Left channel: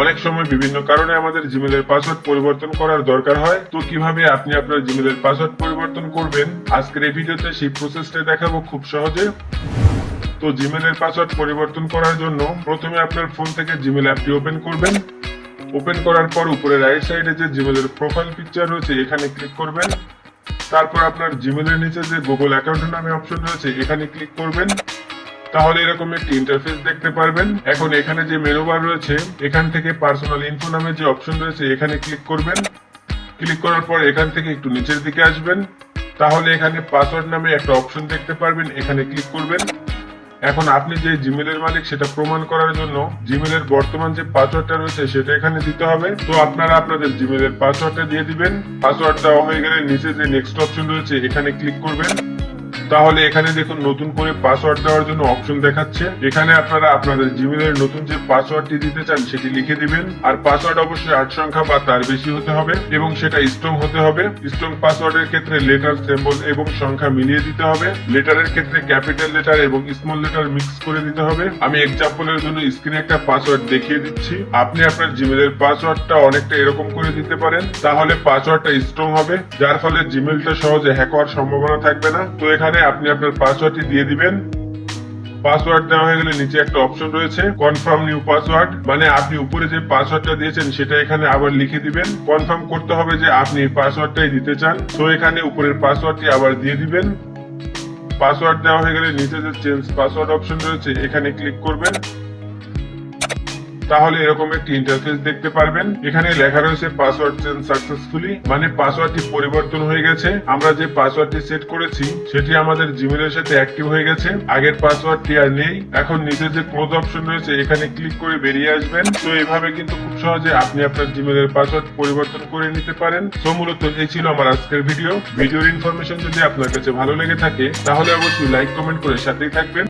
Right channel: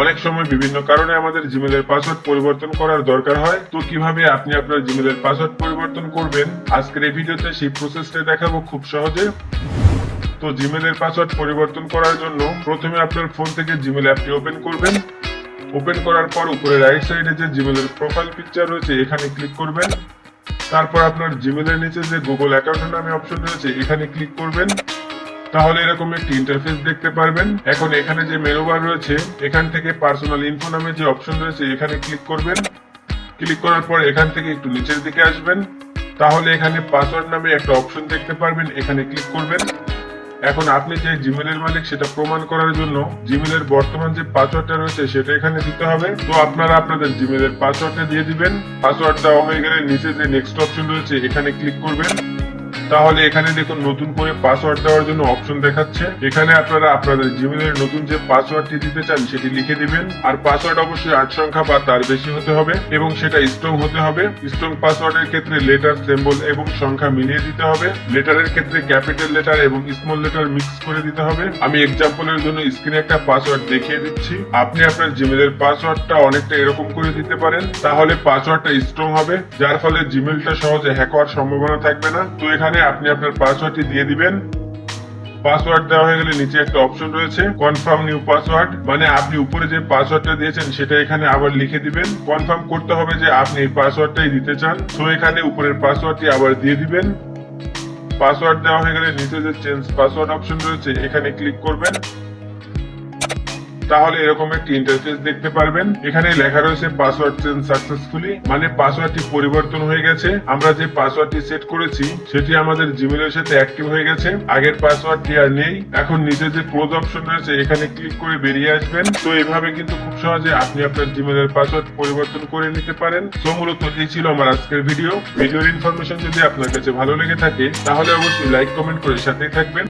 অনেক সময় বিভিন্ন কারণে আমাদের জিমেলের পাসওয়ার্ড পরিবর্তন করার দরকার হয়। তো কীভাবে আপনি আপনার জিমেলের পাসওয়ার্ড পরিবর্তন করবেন? আজকের এই ভিডিওতে সেই প্রসেসটা দেখাবো খুব সহজে। তো জিমেলের পাসওয়ার্ড পরিবর্তন করার জন্য প্রথমে আপনার ফোন থেকে জিমেল অ্যাপটি ওপেন করবেন। ওপেন করার পর উপরে রাইট সাইডে যে জিমেলের প্রোফাইল পিকচার রয়েছে, এখানে ক্লিক করবেন। তারপর আপনার জিমেলের নিচে যে গুগল অ্যাকাউন্ট নামে অপশন রয়েছে, এখানে ক্লিক করবেন। তাহলে এরকম একটি ইন্টারফেস দেখতে পারবেন। এখন এখানে যে মেনু বার রয়েছে, এখান থেকে পার্সোনাল ইনফো নামে যে অপশন রয়েছে, এখানে ক্লিক করবেন। ক্লিক করার পর এখান থেকে একটু নিচের দিকে আসবেন। তাহলে এখানে পাসওয়ার্ড নামে একটা অপশন দেখতে পারবেন, এখানে ক্লিক করবেন। এখন আপনি যে জিমেলের মালিক, সেটা প্রমাণ করার জন্য জিমেলের বর্তমান যে পাসওয়ার্ডটা রয়েছে, সেটা এখানে দিতে হবে। তো আপনারা আপনাদের জিমেলের পাসওয়ার্ডটা দিয়ে দিবেন। পাসওয়ার্ড দেওয়া হয়ে গেলে নিচে যে নেক্সট অপশন রয়েছে, এখানে ক্লিক করবেন। তাহলে এখানে দেখুন নতুন করে পাসওয়ার্ড দেওয়ার জন্য অপশন দেখাচ্ছে। এখানে আপনারা আপনাদের জিমেলের নতুন যে পাসওয়ার্ডটি দিতে চান, সেটি লিখে দিবেন। আর পাসওয়ার্ড অবশ্যই আট সংখ্যা বা তার বেশি হতে হবে এবং সেটা স্ট্রং হতে হবে। স্ট্রং পাসওয়ার্ডের ক্ষেত্রে লেটার সিম্বল এবং সংখ্যা মিলিয়ে দিতে হবে। লেটারের ক্ষেত্রে ক্যাপিটাল লেটার এবং স্মল লেটার মিক্স করে দিতে হবে। আমি এক্সাম্পলের জন্য স্ক্রিনে একটা পাসওয়ার্ড দেখিয়ে দিচ্ছি। আপনি আপনার জিমেলের পাসওয়ার্ডটা অনেকটা এরকম করে দিতে পারেন। তাহলে পাসওয়ার্ডটা স্ট্রং হবে, যার ফলে জিমেলটা সহজে হ্যাক হওয়ার সম্ভাবনা থাকবে না। তো এখানে আপনি আপনার পাসওয়ার্ডটি দিয়ে দিবেন। পাসওয়ার্ড দেওয়া হয়ে গেলে নিচে একটা অপশন রয়েছে কনফার্ম নিউ পাসওয়ার্ড মানে আপনি উপরে যে পাসওয়ার্ডটা দিয়েছেন, সেটা এখানে আবার লিখে দিবেন। কনফার্ম করতে হবে যে আপনি এই পাসওয়ার্ডটাই দিতে চান। তো এখানে উপরের পাসওয়ার্ডটি আবার দিয়ে দিবেন। পাসওয়ার্ড দেওয়া হয়ে গেলে নিচে যে চেঞ্জ পাসওয়ার্ড অপশন রয়েছে, এখানে ক্লিক করবেন। তাহলে এরকম একটি ইন্টারফেস দেখতে পারবেন। এখানে লেখা রয়েছে পাসওয়ার্ড চেঞ্জ সাকসেসফুলি মানে পাসওয়ার্ডটি পরিবর্তন হয়ে গেছে। আমরা যে পাসওয়ার্ডটি সেট করেছি, সেটি আমাদের জিমেলের সাথে অ্যাক্টিভ হয়ে গেছে। আগের পাসওয়ার্ডটি আর নেই। এখন নিচে যে ক্লোজ অপশন রয়েছে, এখানে ক্লিক করে বেরিয়ে আসবেন। তো এইভাবে কিন্তু খুব সহজে আপনি আপনার জিমেলের পাসওয়ার্ড পরিবর্তন করে নিতে পারেন। তো মূলত এই ছিল আমার আজকের ভিডিও ভিডিওর ইনফরমেশন যদি আপনার কাছে ভালো লেগে থাকে, তাহলে অবশ্যই লাইক কমেন্ট করে সাথেই থাকবেন।